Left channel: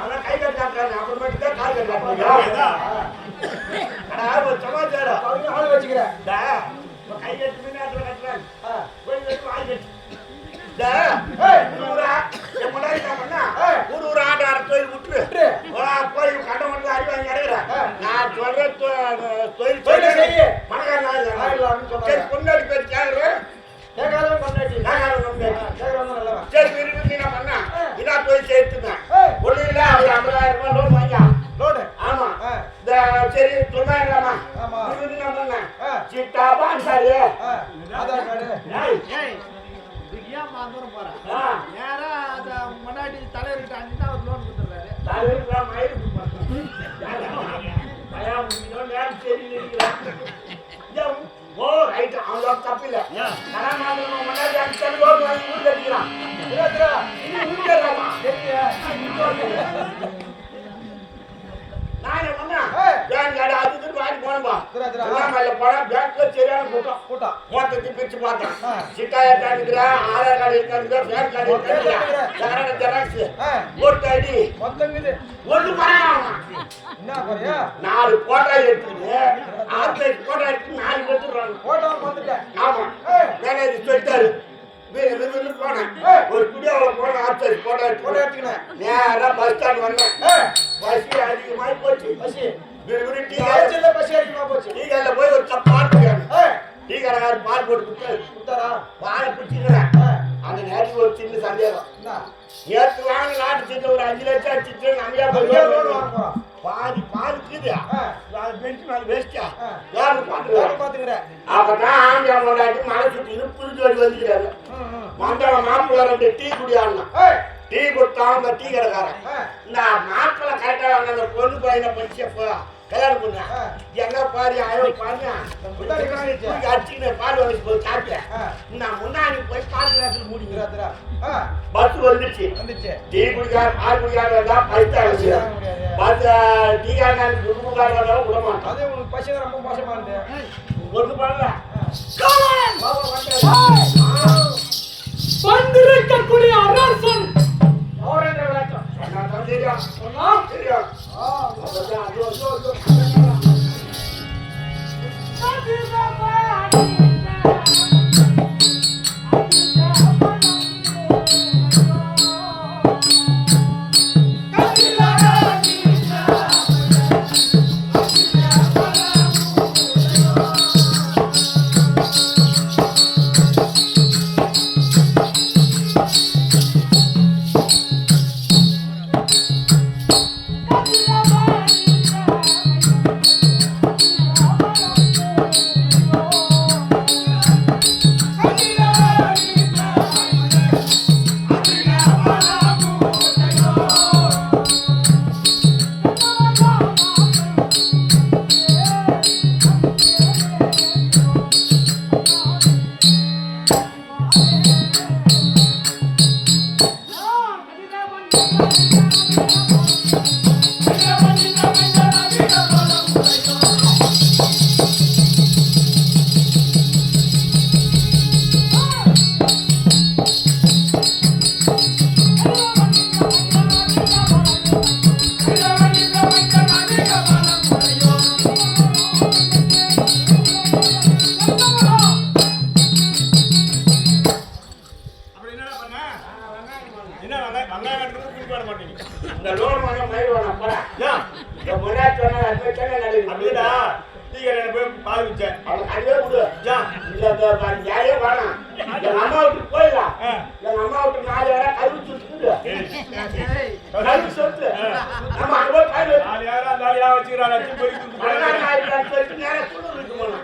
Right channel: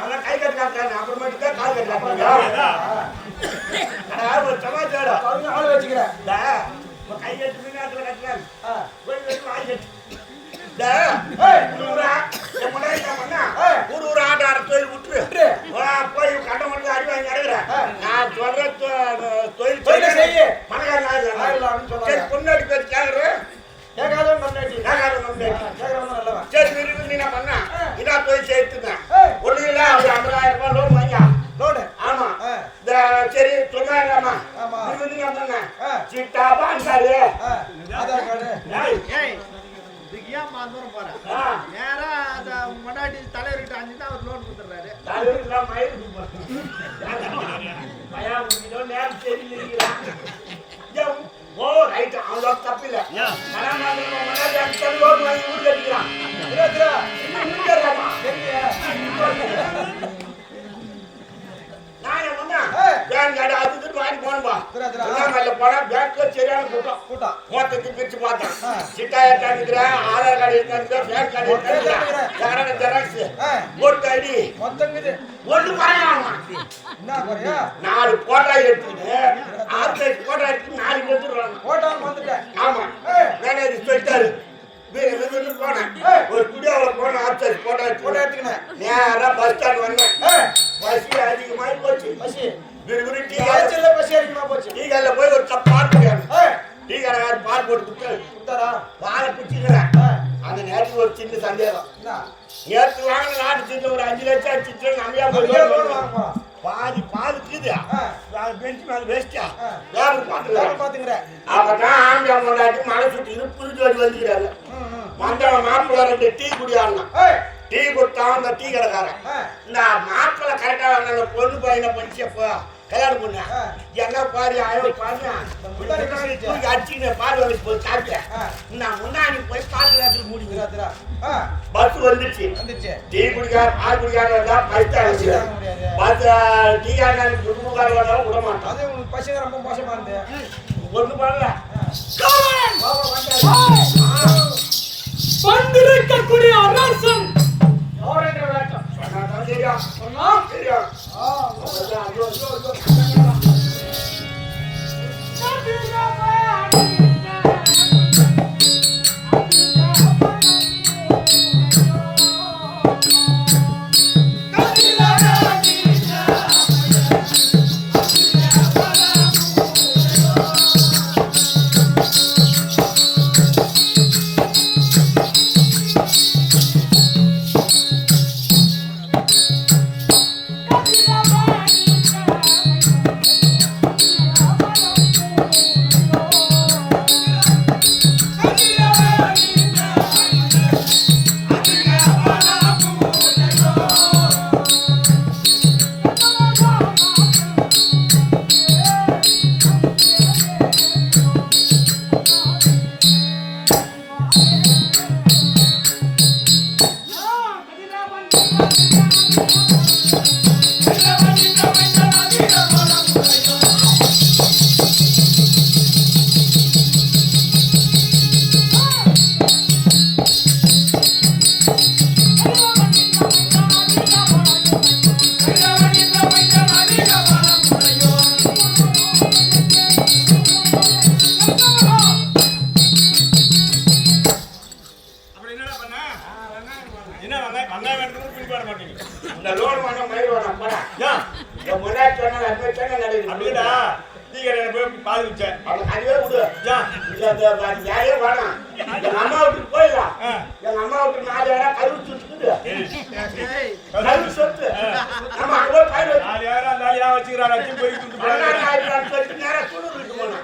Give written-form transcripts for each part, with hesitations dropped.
அதெல்லாம் கை கட்டு காட்டுறாங்க அப்புறமேட்டு தான் கால் கட்டு காட்டுறாங்க ஒரு சமாச்சாரம் ஆள் வச்சுக்கிறேன் கை கட்டு மீனாத்துல கட்டுறாங்க போய் கட்டு வாய் கட்டு ஊர் ஆட்டார தொழில் விட்டுரு போய் கட்ட மட்டும் அடி வாங்கி அடைகிறேன் நான் சொல்ற தொழில் செய்ய பணக்காரன் பொண்ணாடி பேச்சு கேட்கறேன் சரி விரும்பி நான் பண்ண இதா தொழில் சேர்த்துதான் ஒண்ணு இல்ல ஒரு 50,000 ரூபாய் லோன் வாங்கியா லோடு ஆமா இந்த சரி 90,000 விரும்பி நான் பண்ணேன் சிட்டா பான்சாரு ஆதார் கார்டு ஏன் மாந்தூரம் போறேன் நேரா அந்த முன்னாடி தலைவர்கிட்ட அஞ்சு அவர் லோன் கொடுத்துறாரு தலைவருக்குலாம் மயிறு நேரம் தெரியல ஓ ரைட் அவனோட தப்பு இல்ல முன்னாடி அஞ்சு லோன் வாங்கி ஊர் கட்டிக்கிறான் நான் என்ன பண்ணேன் பேங்க் கார்டு அது இது வாங்கி போனப்பா போனா பேங்க்ல சரியான கூட்டம் மொத்தத்தை பிரிச்சு பார்த்தேன் சிட்டா இருக்காந்துக்கிறேன் ஆதார் கார்டு இருக்காந்துக்கிறேன் பேங்க் கார்டு இருக்காந்துக்கிறேன் ஜெராக்ஸ் ஓட்டு ஐடி ஒண்ணு பரவாயில்ல என்ன குறையா 4 போட்டோ எடுத்துக்கிட்டு ஆர்சைட் போட்டோ எடுத்து 4 எடுத்துடுறாங்க போட்டோ வந்துட்டேன் ஆமா மேனேஜர் சொல்லிட்டாரு வீடு போனேன் ஒரு குடியாவில் போனேன் ஆர்சைட் போட்டோ எடுத்துக்கினேன் நேரா பஸ் ஸ்டாண்ட் வந்தேன் பசி அதிகமாகி போச்சு பசி விறுவிறு டீ கடையில் பசி அதிகமாக போச்சு டீ கடையில் போய் ஒரு கப் பால் குடிக்கணும் டீ கடைக்காரர் பால் போட்டு கொடுத்தாரா பாலை குடிச்சுக்கிறேன் அந்த நேரத்துக்கு ஒரு சின்ன சந்தேகம் நேற்று வாங்க நாட்டு சீட்டில் ஒரு 5 லட்சம் அடிச்சு நம்பியா போய் பாதி பால் இருக்குது பெஞ்சு மேலே வேஸ்டா பாத்துக்கிறேன் அப்பதான் ஆம்பியம் கொண்டாட்டி மலை சுற்றி புது ஜோடி வந்துக்கிறாரு வந்தவன் மாப்பிள்ளை 2 டீ குடியாடினா டீ கொடுத்தான் அந்த டீ கடைக்காரன் இந்த மாப்பிள்ளை கரெக்டாக வாங்க அந்த பொண்ணு பையனை படிச்சப்போ கல்யாணம் பண்ண என்ன பாரு அழகு பாரு அடிச்சுக்கின பால் வந்துச்சு போய் சாப்பிட்ட நான் முன்னாடி போய் பால் கிளாஸில் மூடிக்கிறா பஸ் வந்துச்சு டீ குடிக்கார பால் குடிக்கார வந்தா பைசா பஸ் டீ காரக்காரன் குடும்பக்கார வந்தாலும் விட மாட்டான் அது உங்களுக்கு பசங்க ரொம்ப மோசமா இருந்து ஒண்ணு பண்ணல பண்டிருக்கக்கூடிய அரசன் சொன்னாதான் தெரியும் சொன்னா தெரியும் இந்த லோன் வாங்க மயில் வேணாம் போடா முன்னாடி சொன்ன அது சொன்ன நடக்குது அப்படின்னா போய் பால் வச்சேன் அவனுக்கு அதுவே விடு யாரையே வேணாம் எங்க அம்மா வீட்டுக்கு போயிடலாம் எங்க அம்மா வீட்டு 4 இடம் கருவு சுத்துக்குது கருவு சொத்து நம்ம அங்க போய் பயிர் சொல்லிட்டு நேரம் துணூர் வீட்டு போனோம்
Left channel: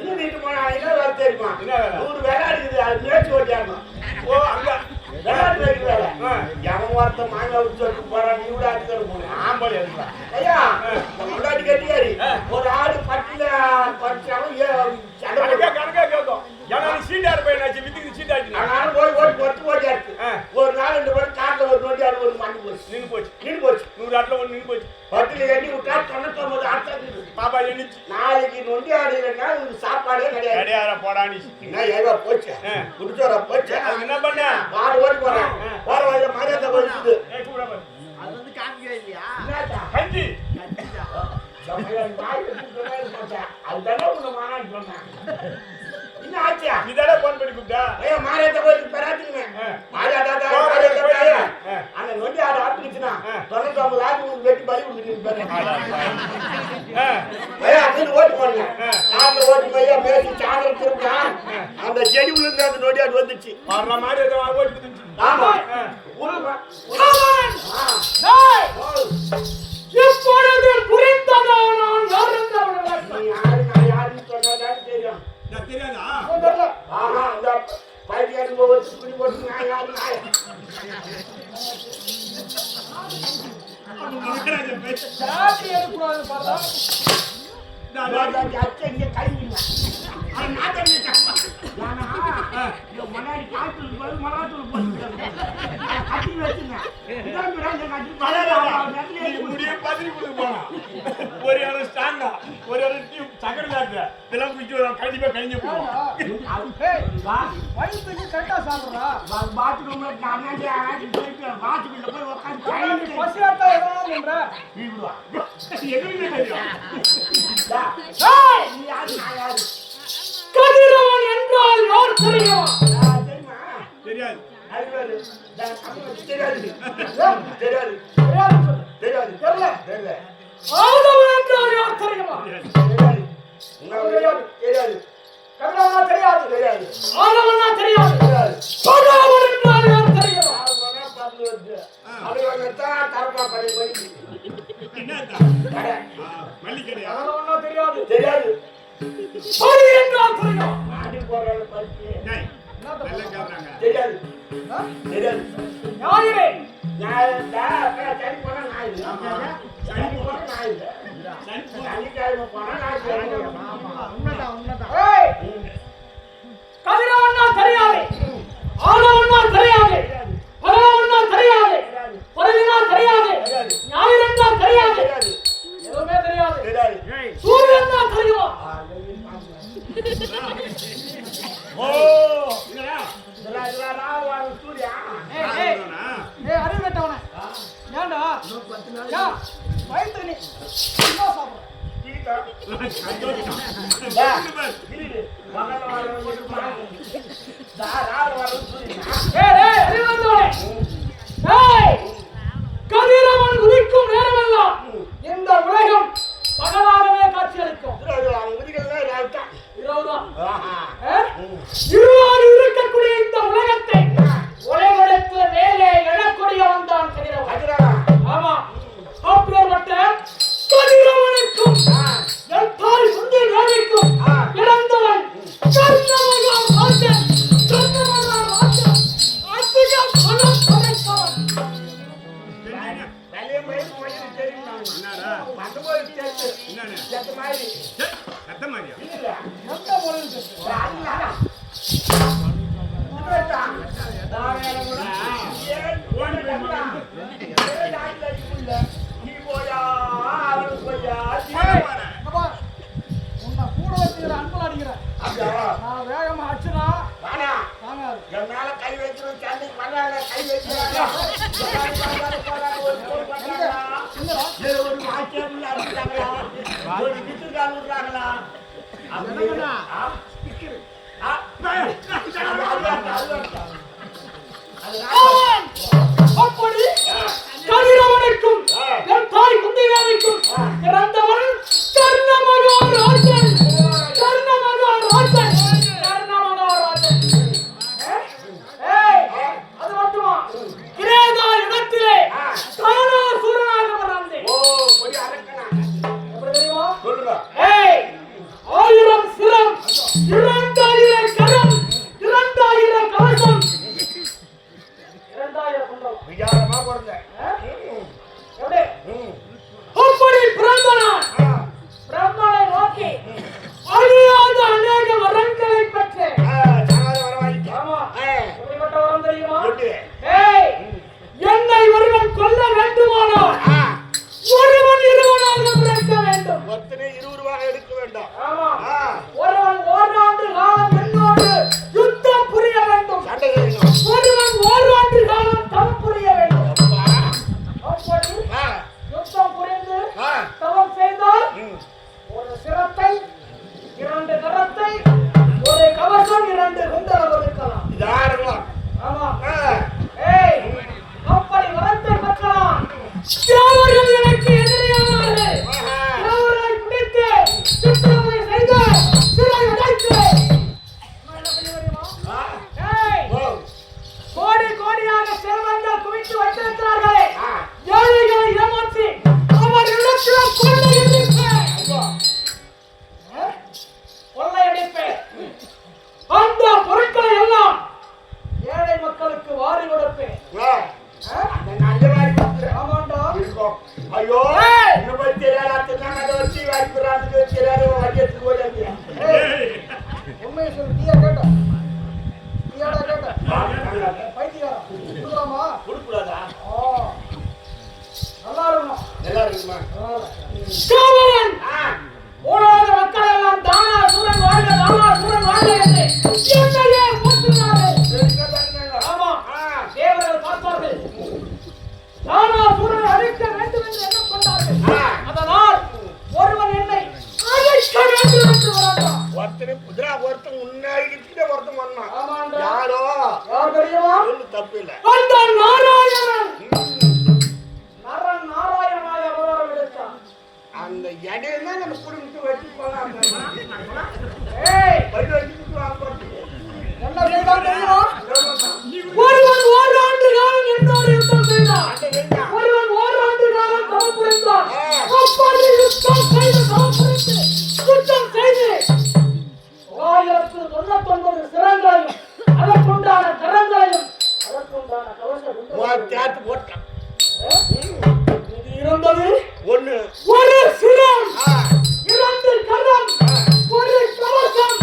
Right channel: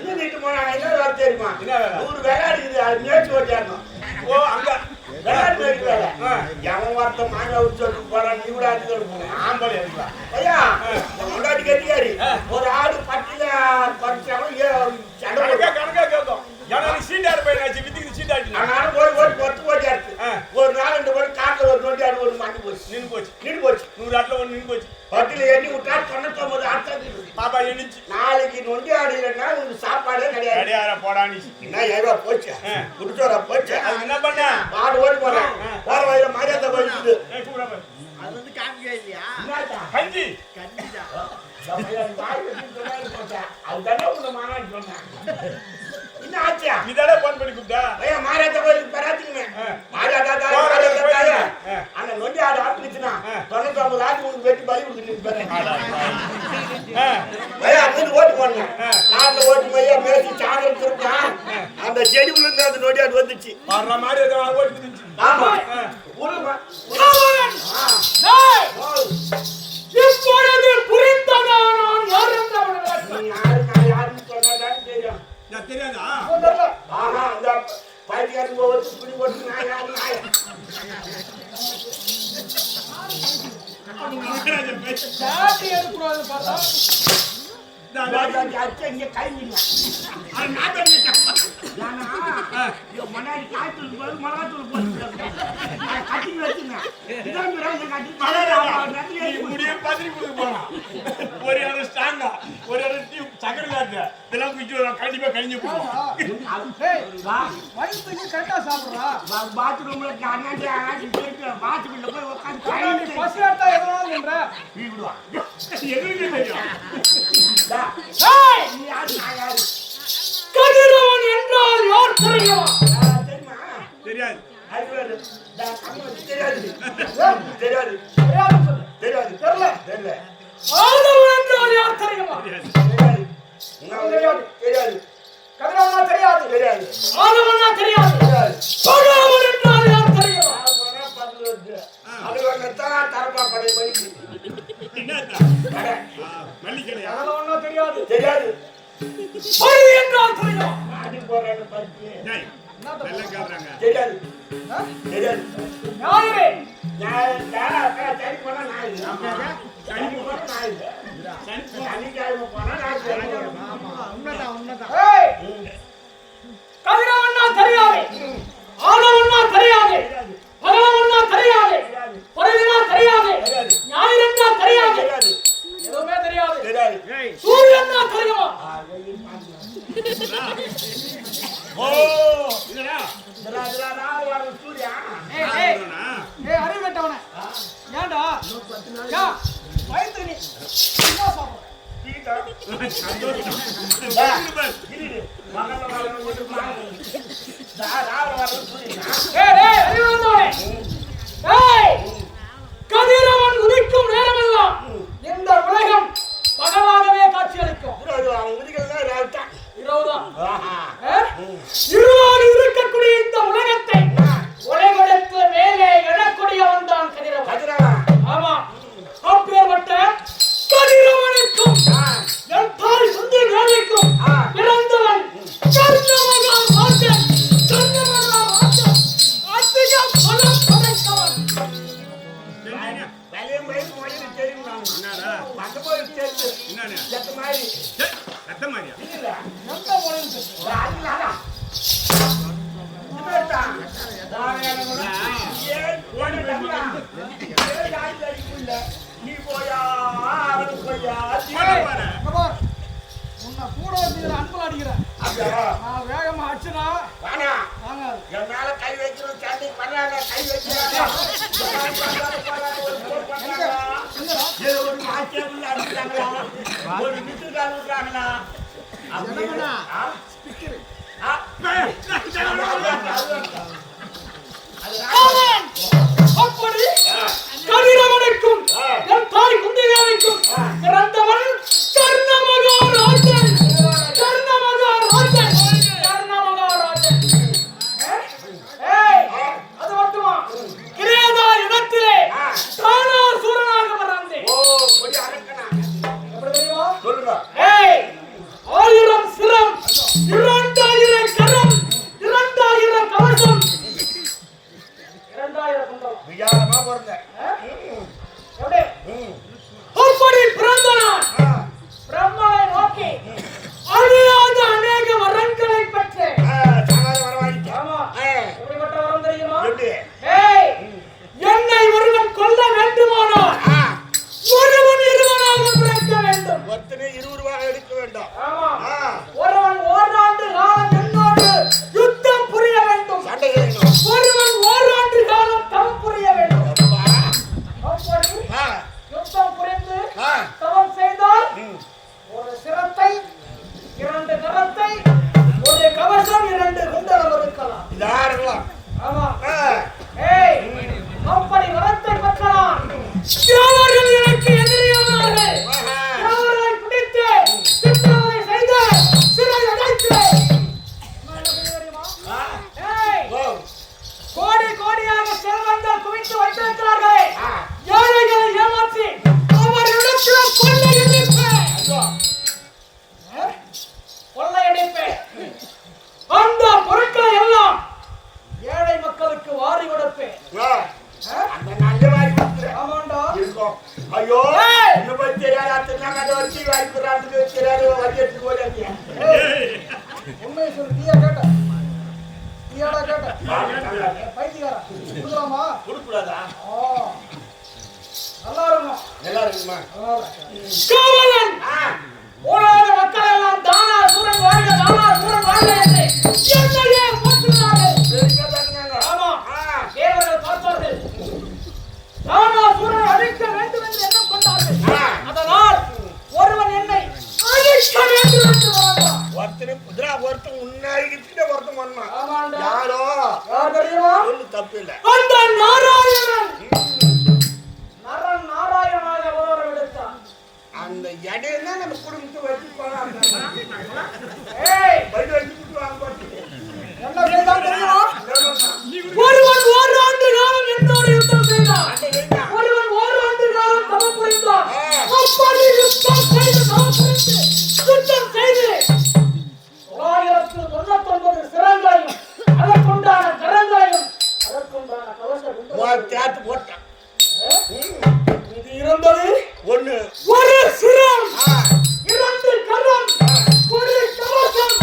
இன்னும் வீட்டு போனா என்ன வேலை தெரியுமா 100 வேலை இருக்குது அது மேய்ச்சி ஓட்டியாடணும் ஓ அங்க விளையாட்டு மேய்க்கு வேலை எவன் ஒருத்தன் மாமியா விட்டு சொல்லிட்டு போறான் நீ விட ஆட்டுக்கு போனேன் ஆம்பளை எடுக்கலாம் ஐயா என் முன்னாடி கட்டிக்காரி ஒரு ஆடு பட்டியில குறைச்சவன் சண்டை கணக்கா கேட்கும் சீட்டாரு போயிடுச்சு வித்துக்கு சீட்டாச்சு நானும் போய் ஓட்டி பொறுத்து ஓட்டியாச்சு ஒரு நாள் 2 பேரும் காட்டில் ஒரு நொண்டி ஆடு ஒன்று மாட்டி போச்சு. நின்று போச்சு. 100 ஆட்டில் ஒன்று நின்று போச்சு. 10ல் எண்ணி விட்டா 99 ஆடு பாப்பா எண்ணிச்சு. நாளைக்கு நொண்டி ஆடு இல்லைன்னா உனக்கு சாப்பாடே கிடையாது. கிடையாது போடான்னு. என்ன 7 போச்சு. குடிச்சோரா போச்சு. அது என்ன பண்ண? மாடு ஓடி போறேன். போற வழியில மரியாதை போயிடுது. அது வந்து காமிக்கவே இல்லையா? என்னடா? கஞ்சி. அதுதானே உன்னை மாநாடு சொன்னேன். என்ன ஆச்சா? நீதானே போன் பண்ணி கூப்பிட்டா? ஐயா மாரியாத்தா கோயிலுக்கு பெறாச்சுங்க. மாரியாத்தா அந்த நொண்டி ஆடு ஆட்டுச்சுன்னா 99 ஆடு உனக்கு வெட்டி பலி கொடுத்துட்டு ஐயா அங்கே ஓட்டு போனேன். நாட்டில் ஓட்டு போய் பேசி சாதனம் திருப்பா அந்த செடி உள்ள இருந்து அந்த நொண்டி ஆடு வந்துச்சு. வர்ற மாதிரி ஓட்டு. ஆமா இப்பொழுது புரிந்ததா நான் யார் என்று நீ யாரு நான் யாருன்னு சொன்னாதான் தெரியும். தெரியாதா? ஆஹா இந்த பைத்தியாரு போட்டு குடி போட்டு நான் யாரு நாய் சாட்டி எடுக்கக்கூடாதுன்னு பார்த்தா இங்க கழிஞ்சிங்க. முன்னாடி காய்ச்சல் போது மிளகாத்தூள் போட்டு கட்டி வச்சுங்க. முடிய பத்திரி கொடுக்க போறான். ஒரு இடம் ஸ்டாண்டா ஒரு இடம் சக்கரை லாட்டு இதெல்லாம் குடிச்சு கண்டிப்பா கழிஞ்சு போவோம். வயிற்றுக்கு கரெக்டா சாப்பிடுறா. பாத்ரூம்ல போயிட்டு பாத்ரூம்ல போய் உட்காந்து பசி எடுத்தா எதனாலும் பண்ற எங்களுக்கு தெரியும். கதிரவன் என்றால் யார் தெரியுமா? தெரியுமா? தெரியாது. ஆதவன் என்றால் யார் தெரியுமா? கதிரவனா தெரியாது. ஆதவனா தெரியாது. பகவான் என்றால் யார் தெரியுமா? ஆதவனா தெரியாது. பரி என்றால் தெரியுமா? ஞாயிறு கதிரவன்னா தெரியாது. ஆதவன்னா தெரியாது. பகவான்னா தெரியாது. பரிதினா தெரியாது. ஞாயிறுன்னா தெரியாது. எதுவுமே தெரியாது. சூரியன்னா தெரியுமா? அறிவு கட்டவன ஏன்டா வயிற்று நீ சாப்பிடுற கதிரவன் உதிக்கும் நேரமெல்லாம் இந்த உலகம் பகலாகவே காட்சி அளிக்கும். இருளாக இருக்கக்கூடிய இந்த உலகத்தை உலகெடுத்து மேலே எழக்கூடியவன் தான் கதிரவன். ஆமா, அப்பேற்பட்ட கதிரவனுக்கும் என் தாய் சுந்தி வேலைக்கும் பிறந்தவன் கர்ணமகான் ராஜன். கர்ணமகான் ராஜன் அதிக பலம் படைத்தவன். நீ போயா அவனுக்கு போயா உன்னை கூட வச்சுக்கிற அன்புல அடிக்கிறேன். நான் வேகமா அடிச்சுனா வானா என் மேல கை வைக்கிறோம். சண்டை பண்ணாங்க, கை வைக்கிறாங்க, ஒரு வாக்கியம் அடிக்கிறாங்களா, ஒரு விட்டுக்கால் விடுறாங்களா அப்படி கதிரவனுக்கும் என் தாய் குந்திகாவிற்கும் பிறந்தவன் கர்ணமகாராஜன். அது மட்டுமா, கிரேதா இடத்திலே தானாசூரனாக பிறந்தேன். எப்படி தெரியுமா? 1000 சிரம், 2000 கரம், 2000 கவசம், 2000 குண்டலம். விஜயமா பிறந்த எப்படி ஒருத்தனே 20 ரூபாய் எடுக்க வேண்டும். ஆமா. ஆ. ஒருவன் ஓராண்டு காலம் என்னோடு யுத்தம் புரிய வேண்டும். சண்டை வேணும். ஒருவன் ஓராண்டு காலம் தவம் புரிய வேண்டும். அப்பா. அப்படி ஆ. யுத்தம் புரிந்து ஆ. தவம் செய்தால் ம். ஒரு சிரத்தை, 2 கரத்தை, ஒரு கவசம், 2 குண்டலம் இருக்கலாம். இதா இருக்கலாம். ஆமா. ஆ. ஏய், அப்படி வரத்தை பெற்றலாம். தேவர்கள் எனக்கு எதிரியானார்கள். ஆஹா. தேவர்களை பிடித்து சித்திரவதை செய்து சிறை அடைத்து அம்மா என்ன பண்ணி தெரியுமா? ஆ. ஏய், ஓ. கோடி கோடியாக செல்வங்கள் குவித்து வைத்திருக்கிறார்களே, ஆ. ஏழைகளை ஏமாற்றி அவர்களிடத்தில் கொள்ளையடிப்பேன். ஐயோ. கொள்ளையடிப்பேன். அந்த பொருட்களை எல்லாம் ஏழை மக்களுக்கு வாரி கொடுப்பேன். ஆ. அந்த நண்டு வாங்கி கொடுத்துரு. ஆமாண்டா. இருக்கும். ஐயோ. ஏய். இன்னும் போய் தெரியாது. அத்தனை அந்த வச்சு வாங்கி கொடுறான்னு தெரியாது. வண்டி எடுத்து போயிடாதீங்க. உண்மையை சொல்லு. நீயா கேட்ட? நீயாடா கேட்ட? பைத்தியக்காரா. கொடுக்கலாமா? கொடுக்கூடாதா? ஆ. நல்லா இருக்கணும். நல்லா இருக்குமா? காவலன் ஆ. ஊழாத மக்கள் எல்லாம் தானா சூரன் வாழ்க, தானா சூரன் வாழ்க என்று என்னையே போற்றுகிறார்கள். சரிங்க பாருங்க. ஆமா. ஆ. தேவர்கள் பார்த்தார்கள். தானா சூரனை அழிக்க வேண்டும் என்று எண்ணம் கொண்டார்கள். ஆ. அதனால் ஒருவன் என்னை அழிக்க வேண்டும் என்று வந்தான். ஒருத்தர் குதிரா ஒருத்தன் முன்னாடி ஒருத்தன் வந்தான். ஆமாண்டா. யாரோ யார் தெரியுமா? ஒண்ணு தப்பு இல்ல. அந்த நாராயணன். நரன் நாராயணனாக அவதாரம் எடுத்தான். அந்த இடையில நம்ம குடும்பத்தை வச்சு போலாம். ஏய், பைக் வச்சுட்டு வாங்க பாத்து. என்ன செய்தான் தெரியுமா? ஒருவன் ஓராண்டு காலம் என்னோடு யுத்தம் செய்தான். ஒருவன் ஓராண்டு காலம் தவம் புரிந்தான். அப்படி யுத்தம் செய்து தவம் புரிந்து யுத்தம் செய்து 999 சிரங்களையும் அதற்குண்டான கரங்களையும் அதற்குண்டான கவச குண்டலங்களையும் தேத்து போட்டான். இது இருந்தது. ஒண்ணு. ஒரு சிரம், ஆ. 2 கரம், ஒரு கவசம்,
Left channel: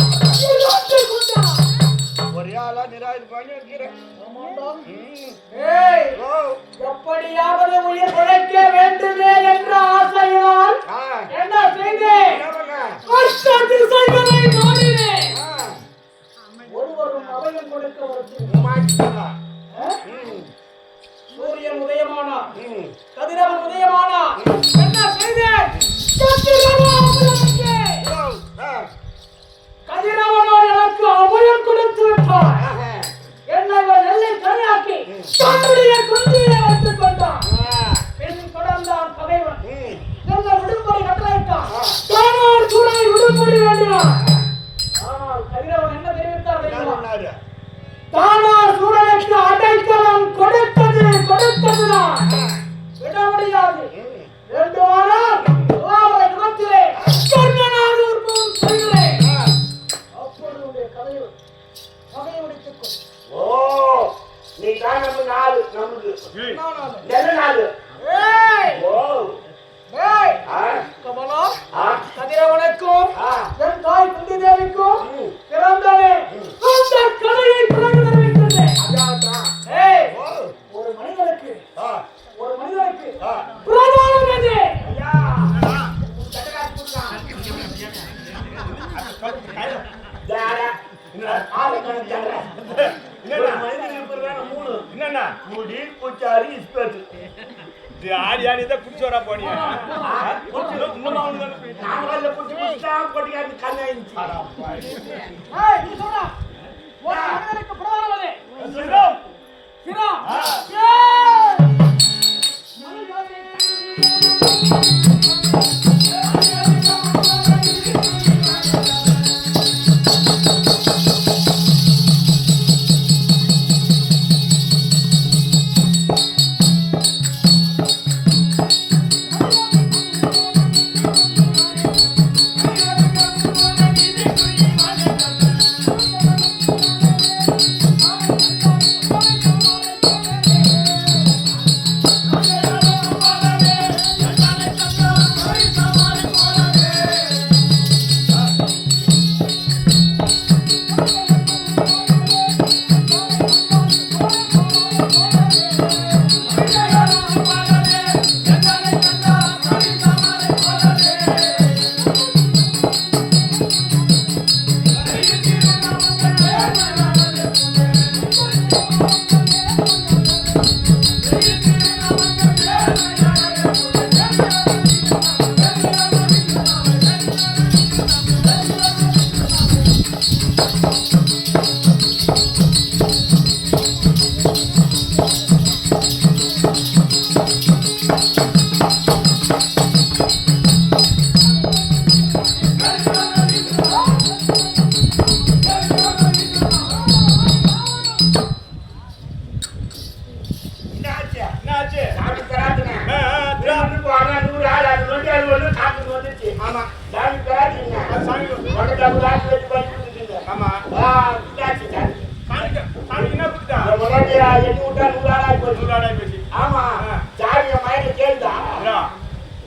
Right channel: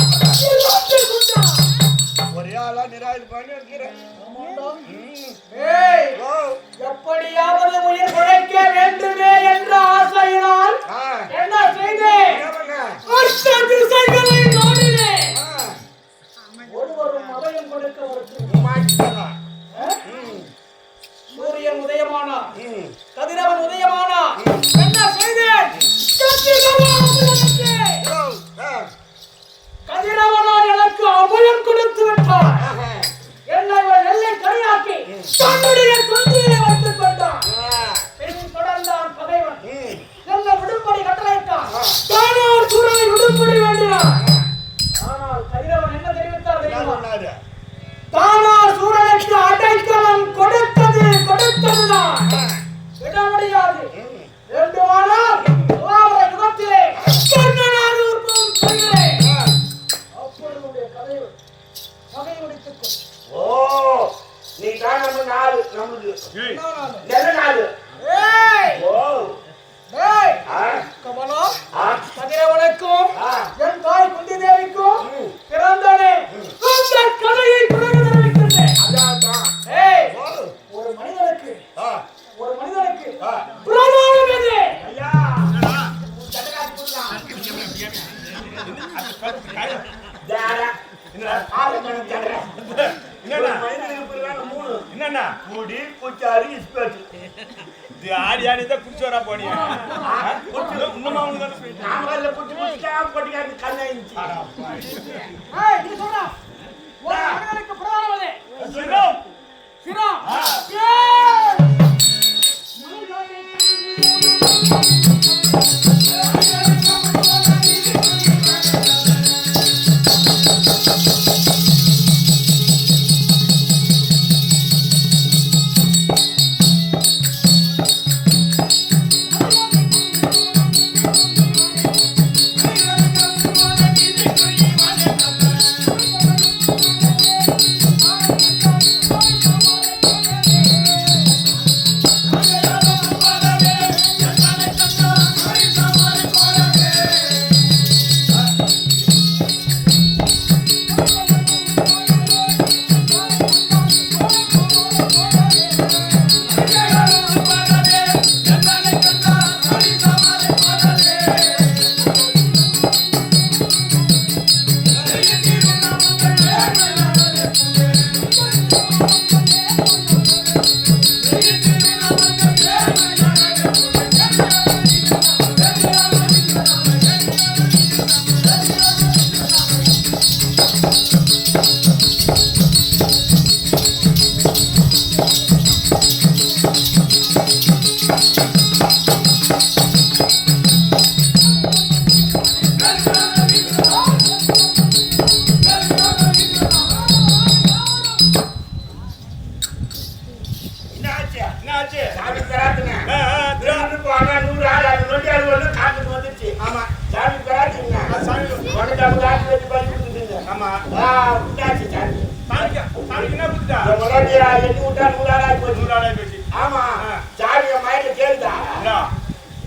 2 குண்டலம். ஒரே ஆளா நிராயுது பண்ணி வைக்கிறேன். ஆமாண்டா. ஏய், ஓ. எப்படியாவது உயிர் பிழைக்க வேண்டுமே என்ற ஆசையினால் ஆ. என்ன செய்தேன்? என்ன பண்ண? அஷ்ட திசைகளை நாடினேன். ஆ. ஒருவரும் அபயம் கொடுக்க மறுத்து மாட்டிட்டா. சூரியன் உதயமானார், ம். கதிரவன் உதயமானார். என்ன செய்தேன்? கதிரவனுக்கு ஓ. ஆ. கதிரவனால் எனக்கு அபயம் கொடுத்து விட்டார். ஆஹா. என்னை ஒரு நெல்லை கனியாக்கி தன்னுடைய கொந்தியிலே வைத்துக் கொண்டான். ஆ. பின் தொடர்ந்தான் பகைவன். ம். என்னை விடும்படி கட்டளையிட்டான். தானார் சூரனை விடும்படி வேண்டினான். ஆனால் கதிரவன் என்ன தெரிவித்தார் என்ன தெரியுமா? பண்ணாரு? தானார் சூரனுக்கு அடைக்கலம் கொடுத்ததுதான். ஆ. விட முடியாது. ம். வேண்டுமானால் துவாபர யுகத்திலே கர்ணனாக உற்பவம் செய்கிறேன். ஆ. அப்பொழுது உடைய கதையை வகை முடித்துக் கொள். ஓ. நீ தான் நம்ம நாலு நமக்கு. ஏய், நானு. என்ன நாலு? ஏய், ஓ. ஏய், ஆ. கமலா, ஆ. கதிரவனுக்கும் ஆ. என் தாய் குந்தி தேவிக்கும் ம். பிறந்தனே அந்த கதையை பிறகு தெரிவிக்கின்றேன். அதான். ஏய், ஓ. ஒரு மனிதனுக்கு ஆ. பிரதானம் எது? ஐயா. சட்டக்காரத்து கொடுக்கலாம். ஜாடா. என்னடா? ஆளு கணக்கு ஜாடா. என்னடா? ஒரு மனிதனுக்கு பிறகு 3. என்னண்ணா முடி, குச்சாரி, இஸ்பேட்டு. இது ஆடி ஆடி தான் குடிச்சு வரா போனியா? இன்னும் அவனுக்கு தானே போயிட்டு. நாமக்கல்ல குச்சி குச்சிட்டா கொட்டிக்காது கண்ணாயிடுச்சு. அடா பாவி. ஏய், நீ சொல்றா. ஒரு மனிதனுக்கு பிரதானம் எது? சிரம். சிரம். ஆ. ஏய்,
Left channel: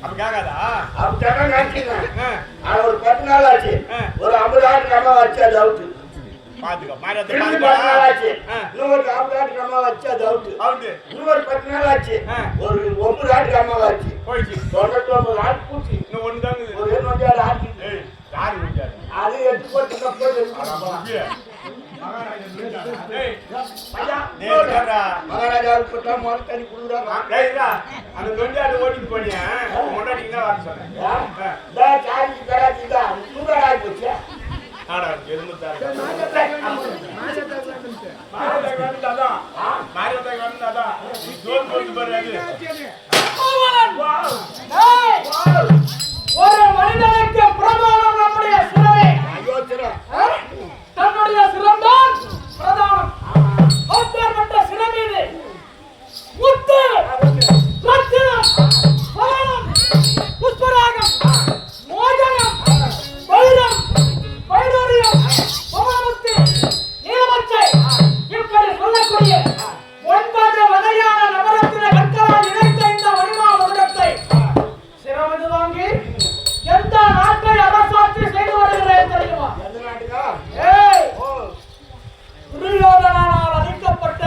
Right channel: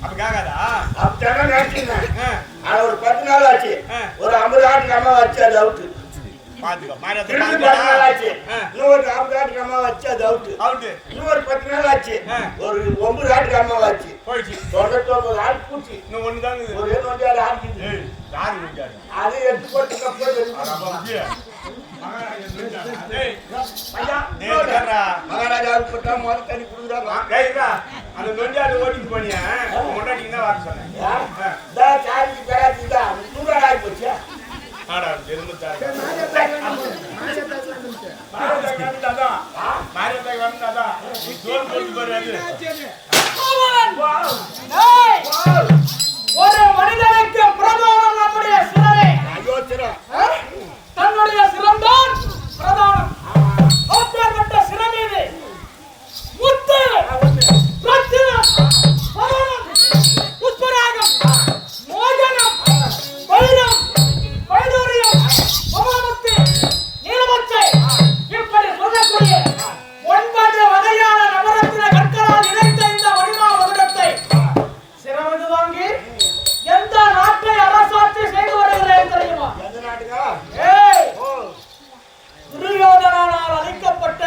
அப்ப கேட்காதா? அப்படித்தான் நினைச்சிருந்தேன். ஆ. ஆனா ஒரு 10 நாள் ஆச்சு. ஆ. ஒரு 50 ஆட்டுக்கு அம்மா வச்சு அது அவுட்டு. பாத்துக்கோ மாரியத்தை திரும்பி 10 நாள் ஆச்சு. இன்னும் ஒரு 50 ஆட்டுக்கு அம்மா வச்சு அது அவுட்டு. இன்னும் ஒரு 10 நாள் ஆச்சு. ஒரு 9 ஆட்டுக்கு அம்மா வச்சு போயிடுச்சு. 99 ஆட்டு பூச்சி. இன்னும் ஒண்ணு தாங்க. ஒரே நோஞ்சாடு ஆட்டுக்குது. யாரு நோஞ்சாடு? அது எடுத்து போட்டு போய் மகாராஜாவுக்கு போட்டா முதல் தண்ணி கொடுக்குறாங்க. அந்த நொஞ்சாடு ஓட்டிட்டு போனியா முன்னாடிங்கன்னா வர சொன்னேன். சாரிக்கு பெறாதீங்க 100 ஆகி போச்சு. ஆடா எதுமுத்தாரு ஒரு மனிதனுக்கு பிரதானம் நம்முடைய சிரமே. தன்னுடைய சிரம்தான் பிரதானம். அப்பேற்பட்ட சிரம் மீது முத்து, ரத்தினம், பவனம், புஷ்பராகம், மோகனம், வைரம், வைடூரியம், பவனமுத்து, நீலமச்சை இப்படி சொல்லக்கூடிய 9 வகையான நவரத்தின கற்களால் இணைத்த இந்த மணிமா மகுடத்தை சிரமது வாங்கி எந்த நாட்டை அரசாட்சி செய்து வருகிறேன் தெரியுமா? எந்த நாட்டுக்கா? துரியோதனால் அளிக்கப்பட்ட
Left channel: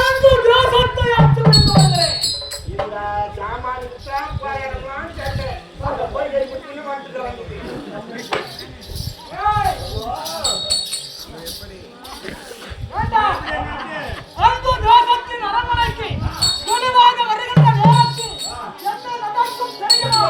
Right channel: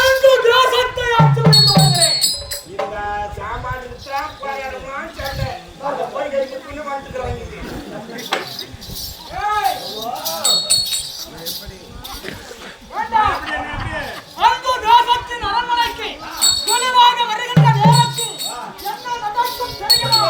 அந்த தேசத்தை ஆட்சி புரிந்து வருகிறேன். இந்த சாமானிக்கு சாப்பாடுலாம் கேட்டேன். அதை போய் கழிப்பிட்டு வந்துக்கிறாங்க. அந்த தேசத்தின் அரண்மனைக்கு குழுவாக வருகின்ற நேரத்தில் என்ன நடக்கும் தெரியுமா?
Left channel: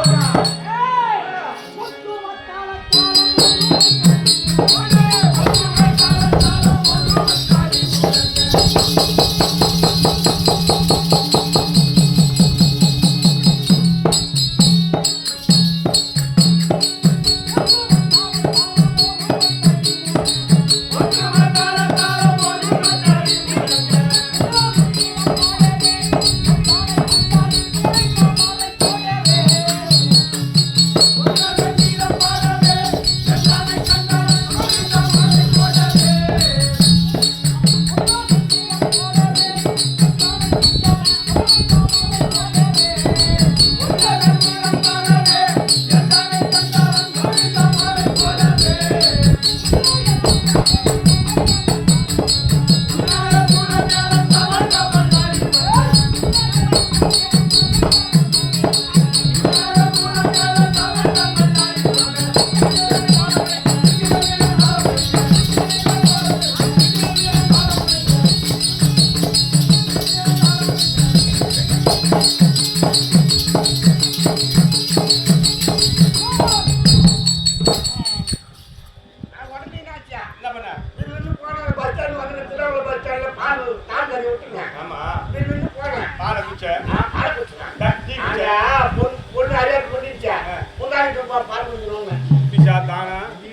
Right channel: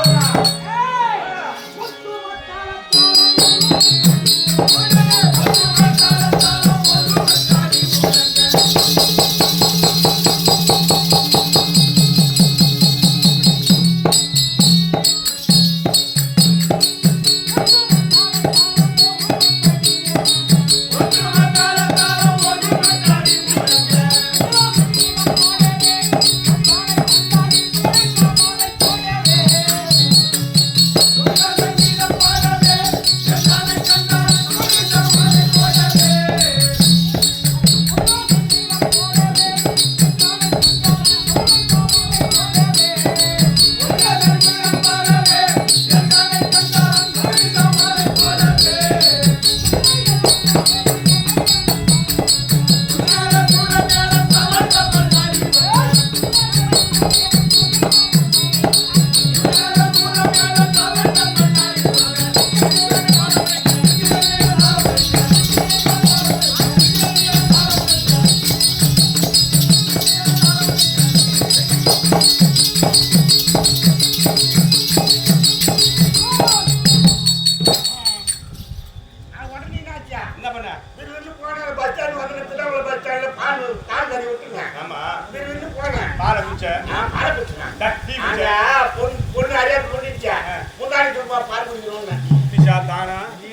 பொண்ணு அறியாது கொண்டுச்சா முன்னாடி பால் குடிக்கிறோம்.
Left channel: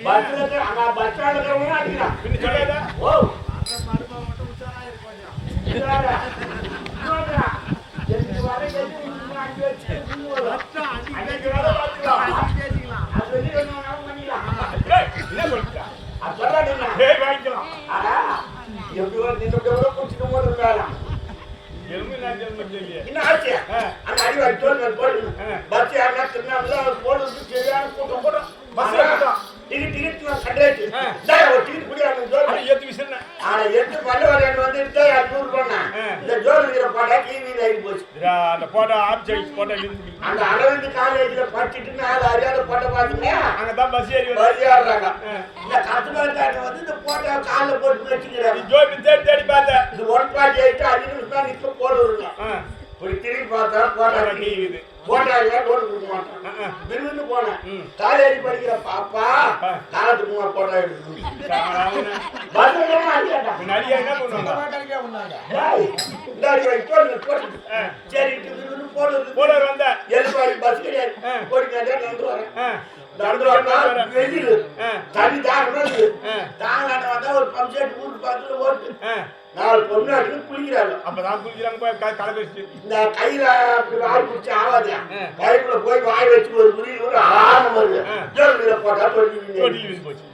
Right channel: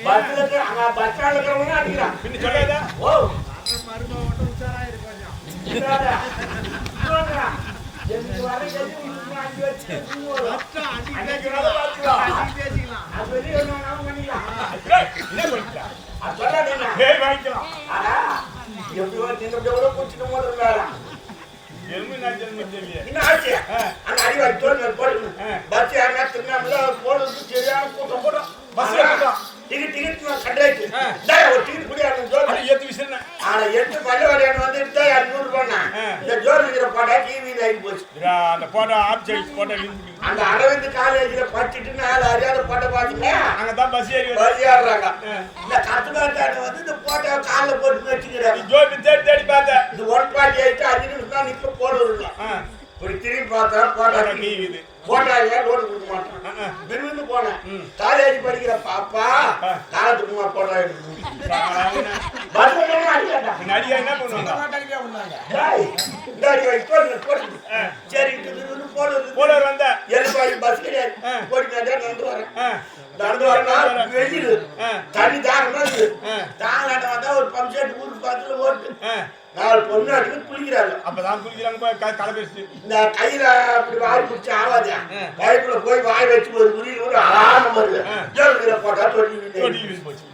பஸ்ல அங்க பஸ் ஸ்டாண்ட்ல இருக்கிறவங்க அடிக்கிறான். பின்ன சொல்லாதா? ஓ மருமக மட்டும் உஷாரா இருக்கு கொஞ்சம். எனக்கு வர கஞ்சி அடி வச்சு பேசிக்கலாம். அது வெளியே ஒன்றும் பண்ணிக்கலாம். என்ன பண்ணிட்டா? அது சொல்லாது என்ன வாங்கிக்கலாம். ஆனா எப்படி நின்று கூட குடிச்சிட்டு போது மேல என்ன ஆச்சு? அந்த அடிவாரி தோல் மேல் போடுது. பஸ் யாருன்னா திருநாமல போடுறது சரியான கூட்டம் போடும். டிக்கெட் கண்டாச்சு. ஒரு டிக்கெட் குடியாரு ஏத்து விசிறேன். ஆனா 8 பல்லவரையன் வந்து 200 ரூபாய். இந்த ஜோர் இருக்கிற போட்டா டிவியில் ஆகி போச்சு. அந்த போட்டோ அந்த அரவிந்த் காலேஜ்ல படிச்சுட்டு 4 அறியாத போட்டோ பாத்தீங்க. அங்கதான் பஸ் ஏறுறாங்க. இந்த கத்துக்காட்டான வந்து இந்த போட்டோ காலில் போட்டு வச்சுக்கிறாரு. ஜோபி தேடி பார்த்தேன். இது 1.8 5 நிமிஷம் தான் நிக்க போடுறது. இப்படி திரும்பி பார்த்தா போட்டா டிவி போட்டா இல்ல லோடு கொடுக்க மாட்டான். விரும்பு போனேன். காலேஜ் படிக்கிற பாப்பா காலத்துக்குமா போட்டா எடுத்து நடிகா என்ன பண்ணுவாங்க? சரிட்டு விரும்பு போடுறது போடுற வந்த எழுப்பாய் பஸ் கிடையாது. போடி நடந்து வரேன். நடந்து வரேன். வெயில் தண்ணி தாங்கலாட்ட வந்தா ஒரு பம்ப் செட் ஊருக்கு பக்கத்துல ஓட்டு 4 பொண்ணு அடிச்சு குளிக்கிறாங்க. அப்பதான் குளிக்கிறாங்க கலை பேசிட்டு இந்த கையில அப்படி வாய் பிடிச்சி ஆவாது. பைப்புல போய் வாய் வச்சு ஒரு உரிய ஒரு ஆரம்பம் வருது. ஜோதில போட்டா தொட்டி போச்சு.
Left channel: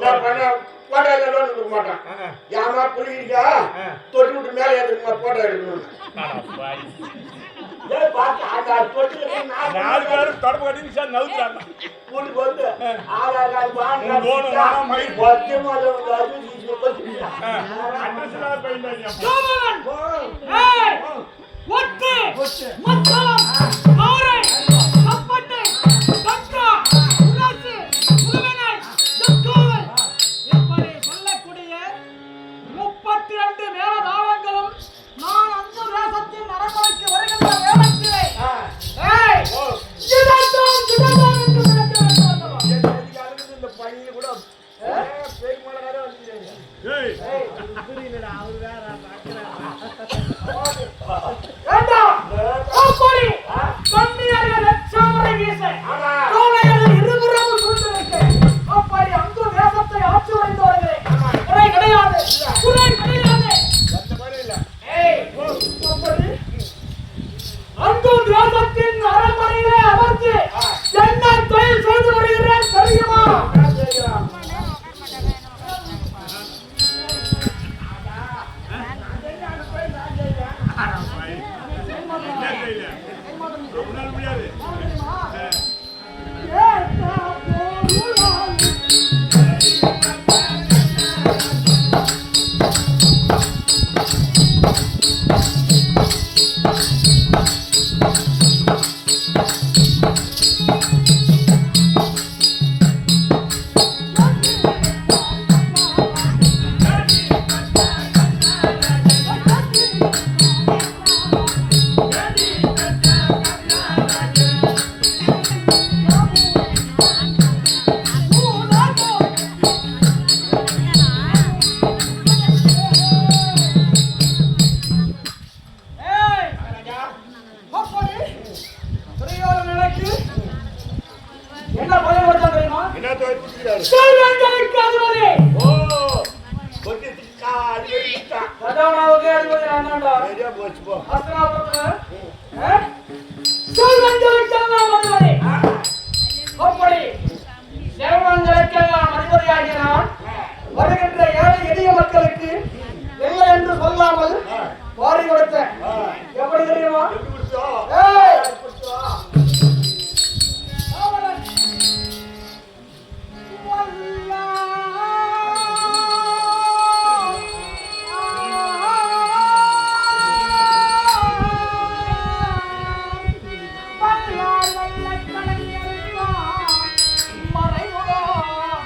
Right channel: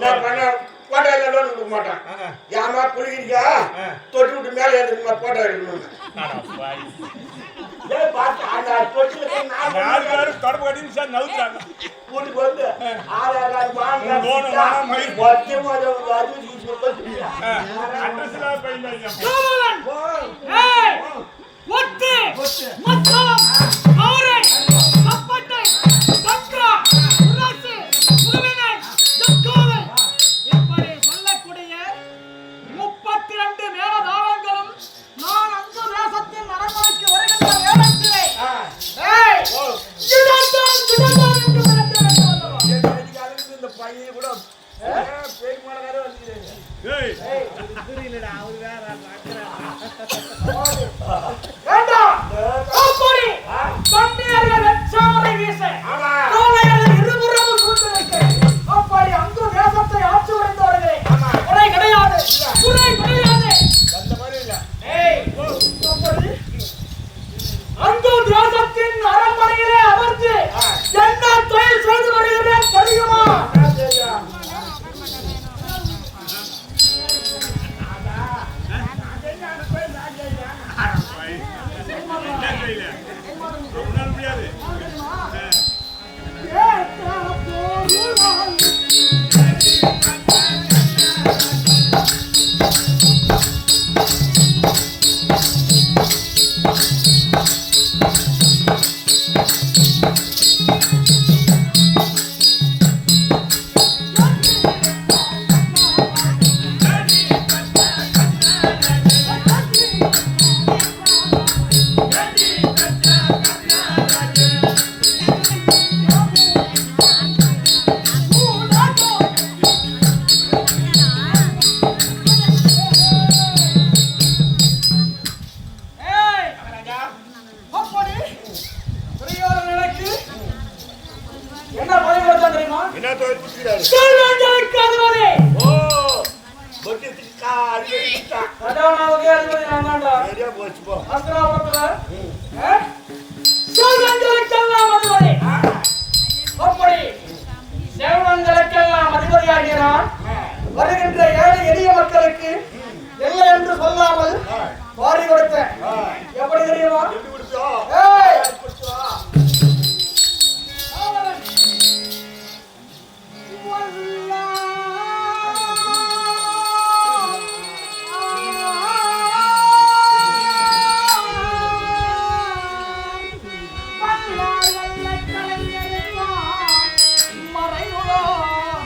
நான் பண்ண போட்டா லோன் கொடுக்க மாட்டான். ஏமா குளிக்கிறீங்க தொட்டி விட்டு மேலே ஏற்றுக்குமா போட்டோ எடுக்கணும். ஏய் பாத்து அந்த தொட்டில நாலு நாலு பேரும் தொடர்பு கட்டி சார் நவுத்துறாங்க. வீட்டுக்கு வந்து ஆதார் கார்டு பான் லோனு வேணாம், மயில். அட்ரஸ் எல்லாம் போயிருந்தாங்க. கோவலன் ஏய் ஒட்டு மத்தளம் ஆரை தப்பட்டை தக்கா உராசி முகமனை தக்கோலை இப்படி சொல்லக்கூடிய 32 மேலதாளங்களும் நான் அந்த தேசத்தின் அரண்மனைக்கு வருகின்ற நேரத்திலே ஏய் ஜிடாதான் என்று விளக்குகிறேன் அல்லவா இந்த பையன் கூட பேய் மலகார வந்துக்கிறாரு. ஏய் புரியலடா அவர் வேற வேண்டாம் அப்படி கண்ணியர்கள் வெச்சாமரை வீச ஆமா. கோவையர்கள் இருபுறமும் சூழ்ந்து நிற்க அப்படி அங்கு தேசத்தை ஆட்சி உடைந்தவர்களே குறை கிடையாது குறை கிடையாது அந்த மாதிரி இல்ல. ஏய் அப்படி அங்கு தேசத்தின் அரண்மனையிலே அமர்ந்து என்ன தொழில் செய்து வருகிறேன் தெரியுமா நான் தெரியும். என்ன செய்யல? உன்னால முடியாது. என்ன பயம் வருதா தெரியுமா என்ன தொழில் குடிக்கிறாரு? சொல்வங்களுக்கு அதுவரே ஓ கொஞ்சம் அடிக்கடி கதாநாயகி அதுவரே நான்தான்டா சரியா போச்சு போ. அஸ்திராபுரத்தவர் சொல்வங்களுக்கெல்லாம் அதுவரே அப்படி செல்வங்களுக்கெல்லாம் அதிபதியாகிறான் வருகின்ற ஏழை எளிய மக்களுக்கு இல்லை என்று சொல்லாமல் வாரி கொடுத்த எப்படி தெரியுமா எப்படி குடிச்சோம்? ஏய் குடிச்சோம். காவலன் வல்லார் வல்லக் கலைஞருக்கான் மறைவுகார்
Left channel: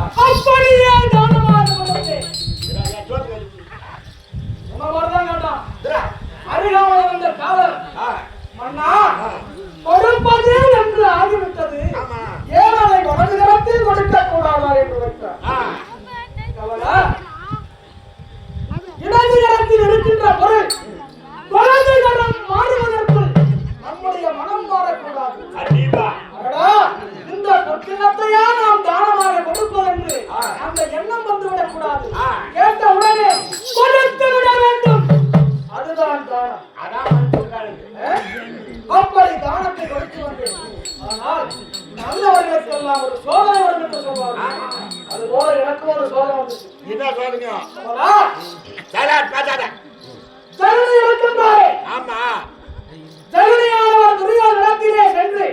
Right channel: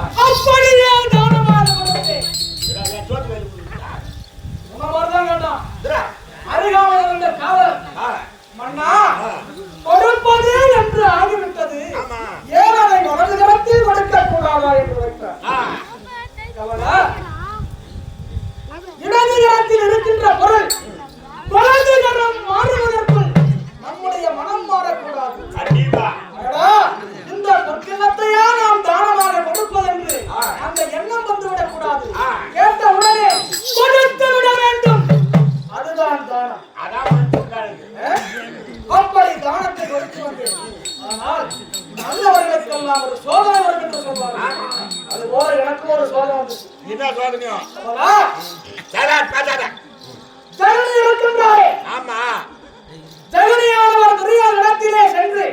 அப்படியே தானமாக கொடுத்தேன். சோத்து வேலை கொடுத்தா? சொன்ன மாதிரிதான் கேட்டான். இதுடா. அருகாமையில் இருந்த காவலர் ஆ, மன்னா கொடுப்பது என்று ஆகிவிட்டது, ஆமா. ஏன் அதை வலது கரத்தில் கொடுக்க கூடாதா என்று வைத்தார். ஆ, காவலர், இடது கரத்தில் இருக்கின்ற பொருள் வலது கரம் மாறுவதற்குள் நம்முடைய மனம் மாறக்கூடாது. கண்டிப்பா. அடடா, இந்த பொற்கிண்ணத்தையா நாம் தானமாக கொடுப்பதென்று அந்த எண்ணம் வந்துவிடக் கூடாது. கேட்ட உடனே கொடுத்து விட வேண்டும், அதுதான் தானம். அதான் மனுஷன் அப்படி தானத்தை கொடுத்து வந்தேன். ஆனால் நல்லவர்களுக்கெல்லாம் ஒரு சோதனை வரும் என்று சொல்வார்கள். அதுபோல எனக்கு ஒரு சோதனை வந்துச்சு. என்ன சொல்லுங்க? அவனா சலாட் பேசாத. ஜனனி இருக்கின்றாரே, ஆமா. ஜனனியானவர் துரியோதனத்திலே சென்று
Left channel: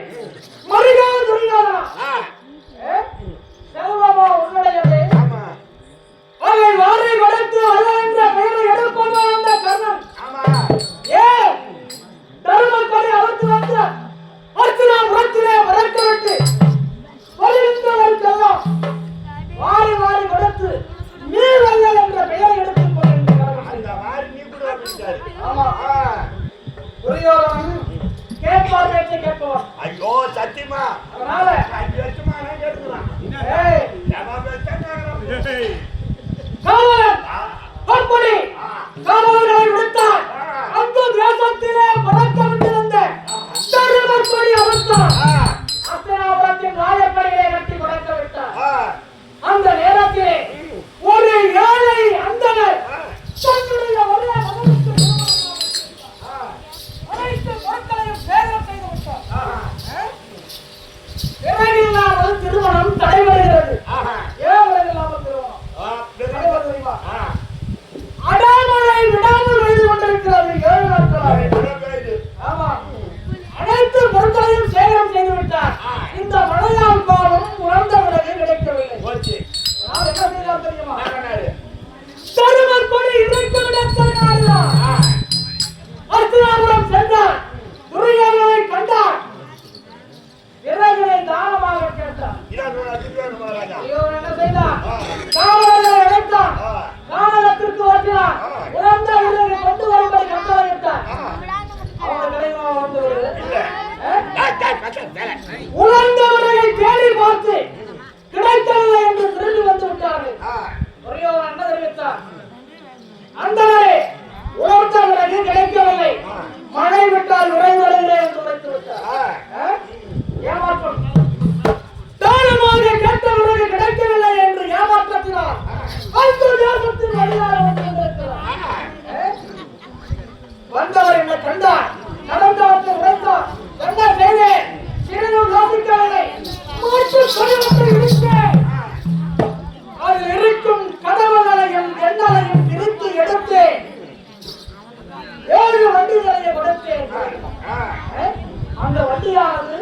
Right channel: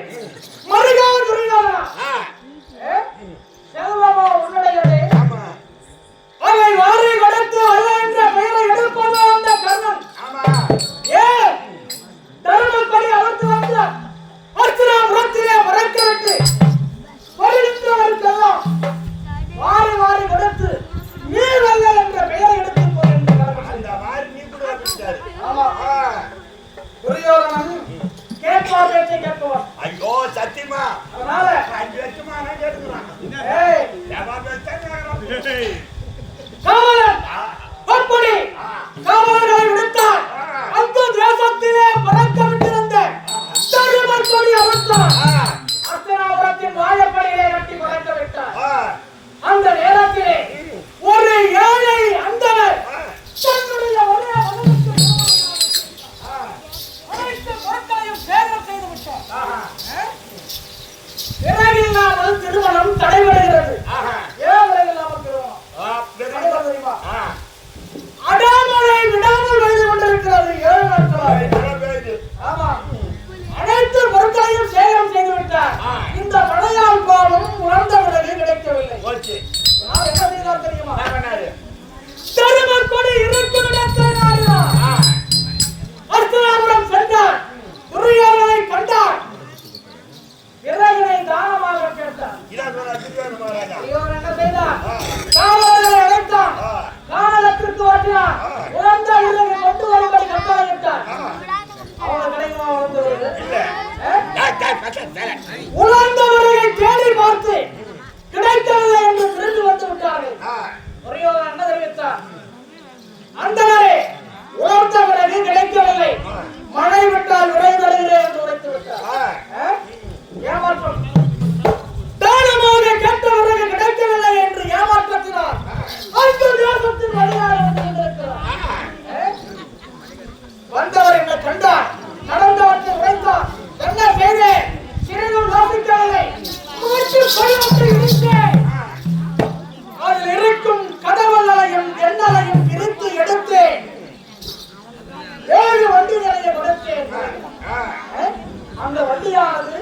மருகா துரியோதனா, ஆ, செல்வமா உன்னுடையது, ஆமா. அதை வாரி கொடுத்து அல்ல என்ற பெயரை எடுப்பது அந்த கர்ணன். ஆமா. ஏன் தர்மப்படி அவர்த்து வந்த அர்ச்சனாபுரத்திலே மறக்கவிட்டு வருகின்றவருக்கெல்லாம் வாரி வாரி கொடுத்து நீ வல்ல என்ற பெயரை எடுத்துக் கொள்கின்றார். அந்த மாதிரி நீ கூட வந்துட்டாரு. ஆமா. ஆ. துரியோதனன் கேட்பார் பேச்சை கேட்பவர். ஐயோ சத்தியமா அதனால 5 வருஷமா நான் கேட்டுக்கிறான். ஏய், ஜவாப் வச்சா கேக்குறான். காவலன் அப்படி காவலர்களை விடுத்தார். அந்த தேசத்திலே பறக்கவிட்டிருந்த தருமர் கொடி அவிழ்த்தார். அர்ச்சனாபுரத்தின் வாழைப்படியிலே கட்டி பறக்க விட்டார். ஆ, அந்த நேரத்திலே ஒரு ஏழை அந்தனர் தன்னுடைய ஒரே மகனுக்கு அனைத்து பொருட்களையும் சேகரம் செய்து விட்டார். பிறகில்லாமல் திருமணம் தடைபடுகிறது. ஆஹா. ஏன் பிறகில்லாமல் திருமணம் ஆ, தடைபடுகிறது தெரியுமா? ஆ. அடாமலை விடாமல் எழுதி கொண்டிருக்கிறது 7 நாட்களாக. மழை பெய்யுது. ஆமா. அனைத்து பொருட்களையும் சேகரம் செய்து விட்டார். இந்த மழையால் பாவம் உணர்ந்த பிறகு கிடைக்கவில்லை. ஓகே. நான் என்ன செய்தார் தெரியுமா? என்ன பண்ணாரு? தருமர் கொடி இருக்கும் இடத்தை நாடினார். ஆ, அர்ச்சனாபுரம் சென்றார். துரியோதனனை கண்டார். விறகினை தானமாக கேட்டார். இதான் சொன்னா திரியோதன மகாராஜா. துரியோதனன் என்ன செய்தார்? காவலர்களை அழைத்தார். கானகத்திற்கு ஓட்டினார். உணர்ந்த விறகை கொண்டு வரும்படி கட்டளையிட்டார். அவனுக்கு கிடைக்குமா உணர்ந்த விறகு? டேய், டேய், பேசாத, சலாட். உணர்ந்த விறகை தேடி பார்த்து கிடைக்கவில்லை என்று திரும்பி வந்து விட்டார்கள். ஆ, துரியோதனன் என்ன தெரிவித்தார்? அந்தனரே, உணர்ந்த விறகு கிடைக்கவில்லை, மழை விட்டால் விரைந்தடைகிறே என்று உரைத்து விட்டார். ஆ. ஏமாற்றம். தானமாக கேட்ட விறகு கிடைக்கவில்லை என்று ஏமாற்றத்தினார் அந்த தேசத்தின் வழியாக வந்திருக்கிறார். வந்தவர் என்னை கண்டார், நடந்தவற்றை உரைத்தார். என்ன செய்தேன்? சிறிதும் யோசிக்கவில்லை. மூச்சு படிவத்தை இடித்தேன். அதில் இருக்கும் கதவுகளையும் எண்ணலையும் பிரித்து எடுத்தேன். 7 வண்டிகளை கொடுத்தேன். அந்த வண்டியானது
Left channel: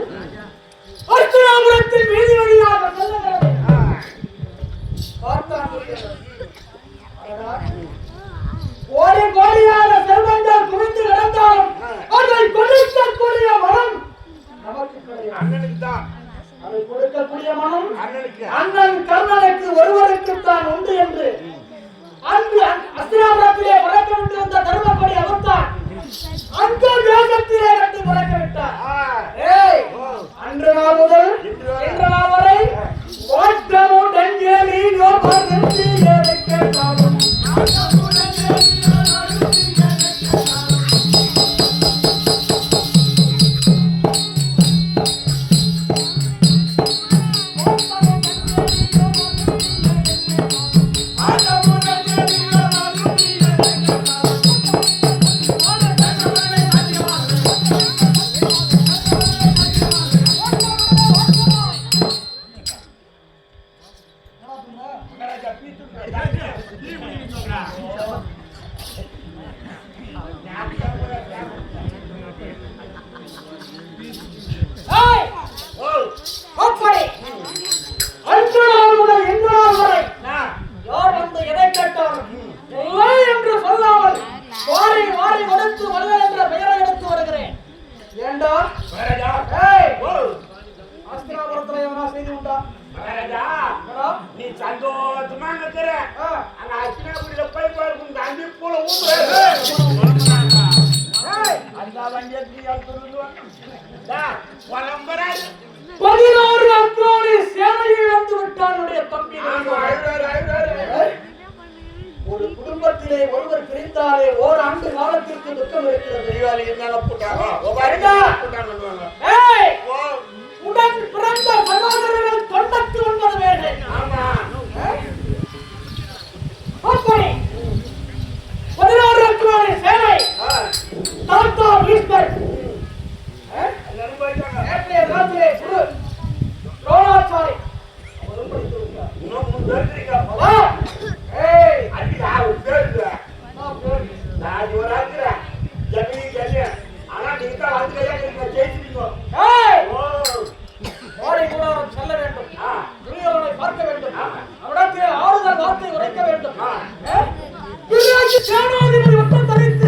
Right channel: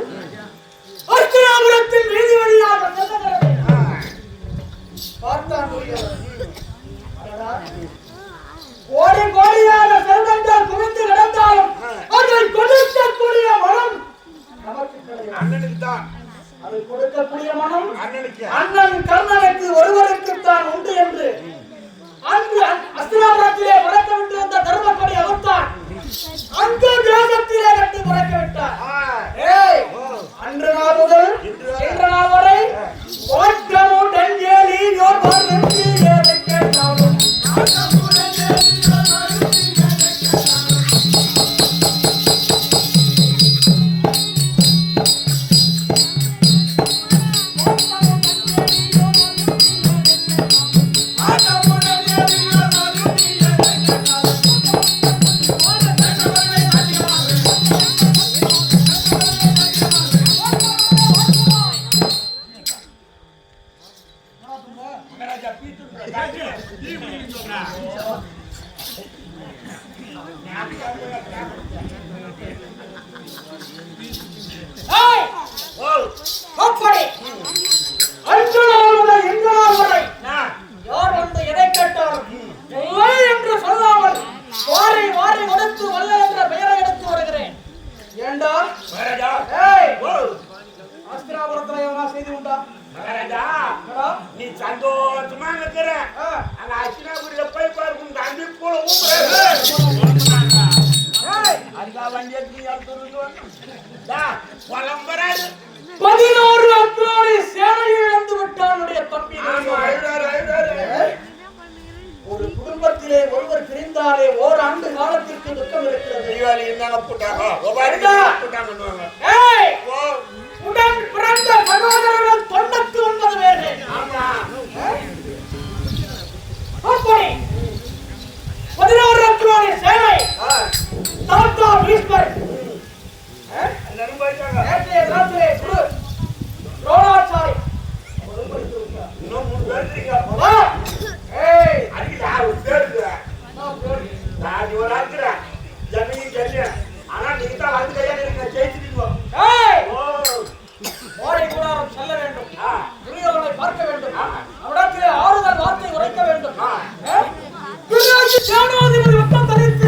அர்ச்சனாபுரத்தின் வீதி வழியாக செல்லுகிறது. பார்த்தான் துரியோதனன். அடடா, கோடி கோடியாக செல்வங்கள் குவிந்து கிடந்தாலும் அதை கொடுக்கக்கூடிய மனம் நமக்கு கிடையாது. அண்ணனுக்கு தான். அதை கொடுக்கக்கூடிய மனம் அண்ணனுக்கு. அண்ணன் கர்ணனுக்கு ஒருவருக்குத்தான் உண்டு என்று அன்று அஸ்தினாபுரத்திலே பறக்க விட்டு வந்த தர்மப்படி அவர்தான் அந்த தேசத்திலே கட்டி பறக்க விட்டார். ஆ. ஏய், அன்று நாள் முதல் இன்று நாள் வரை ஓட்டமுடன் ஏறி யோபார் நிறுத்தி ஏறி கேட்டாலும் மகாராஜா பீத்துங்க. டீ குடிக்கணும்னு சொல்றேன். ஏய், ஓ, அப்படி அன்று நாள் முதல் இன்று நாள் வரை நான் யார் வந்து எதை கேட்டாலும் இல்லை என்று சொல்லாமல் வாரி வாரி கொடுத்து வல்ல என்ற பெயரை எடுத்து வருகிறேன். ஏண்டா? மகாராஜா. ஏய், ஓ, அஸ்தினாபுரத்துல எவனா செய்தி உண்டா? மகாராஜா. என்னடா? நீ சந்தோஷமா இருக்கிற அங்க அச்சினாபுரியில போய் பாருங்க இந்த அஞ்சு போல ஊம்புற அந்த வண்டி பரம்பராது 11 அக்ரோனி சேனையை இழந்து விட்டானுடைய தம்பி. ஒரு குடும்பத்திலே ஒருவர் பிரிந்தாலே ஓராண்டு காலத்திற்கு துக்கம் இருக்கிறது. தீபாவளி இருந்தாங்க போட்டாங்க போட்டாங்க. உடன் பிறந்த சகோதரர்கள் 99 பேர்கள். ஆமா அப்படி 11 அக்ரோனி சேனை தாத்தா ஈஸ்வர் எல்லாரும் போயிட்டாங்க. நேற்றைய தினத்திலே குரு ரோணாச்சாரி இன்னும் 3 பேர் இருக்காங்க. அதுக்கு யார் ஒரு பேர் இல்லை. நான் ஒரு ஆக்குறேன் ஜமீனி ஜல்லியன். ஆனா நீங்க தான் வந்து கையா நீங்க ஜெயிச்சிருக்கீங்க. ஓடை கூடாரம் செல்ல வேண்டும். துரியோதனை பார்க்க வேண்டும். அவனிடத்திலே ஆறுதல் வார்த்தை உரைக்க வேண்டும். பிறகு சேனாதிபதி வட்டம் தரித்து